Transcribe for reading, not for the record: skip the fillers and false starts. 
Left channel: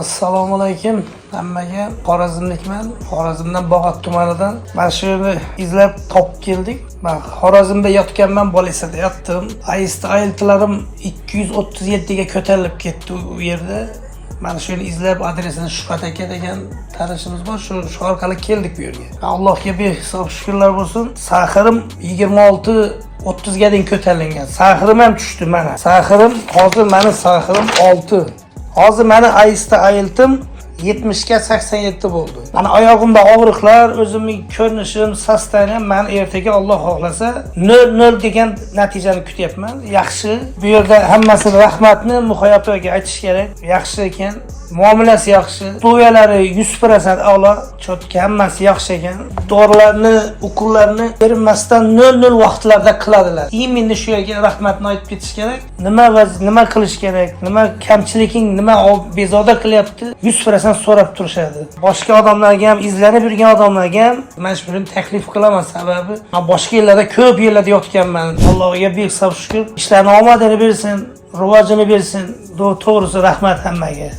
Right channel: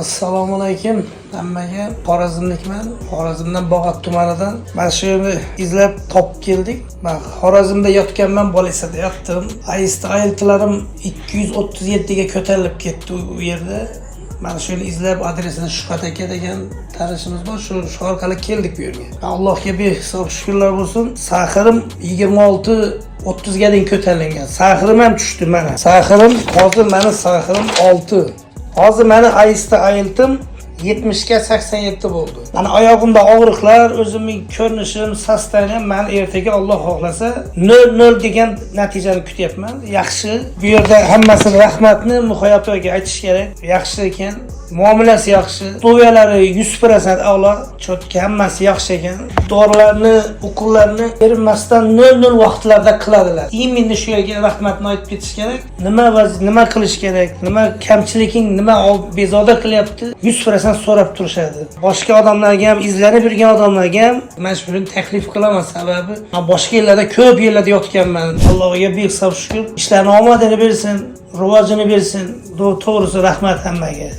Assalomu alaykum hammaga. Xorazmlikman. Xorazmdan Bog'ot tumanidan. Mana shu yerni izlab topib keldik. Men Xorazmda yotganman, Bolisada yotdim. Ayiltilarim 237 ga ko'tarilib ketdi u yerda. Mana shuni izlab adresini Shuhrat aka degan tanishimiz bor. Shu orqali keldik bu yerga. Allohga behisob shukrlar bo'lsin. Saxirim 26-30 ga deng ko'tarilgan. Saxirim ham tushdi mana. Saxirim hozir meni saxirim 6. Hozir meni ayiltim 70 ga 87 bo'ldi. Mana oyog'imda og'riqlar, o'zimning ko'rinishim, sostavim men ertaga Alloh xohlasa 0 degan natijani kutyapman. Yaxshi. Bu yerda hammasini rahmatni Muxoyapaga aytish kerak. Yaxshi ekan, muomalasi yaxshi. To'yalari 100% a'lo, cho'tka hammasi yaxshi ekan. Dorilarni, ukullarni bermasdan 0 vaqtlarda qiladilar. Endi shu yerga rahmatni aytib ketish kerak. Nima qilish kerak? Nima kamchiliking, nima bezovta qilyapti? 100% so'rab turishadi. Boshqa odamlarga ham, izlanib yurgan odamlarga ham men shuni taklif qilaman, sababi men boshqa yerlarda ko'p yerlarda yotganman. Allohga behisob shukr. Ishlarni omadini bersin, rivojini bersin. To'g'risi rahmat hammaga.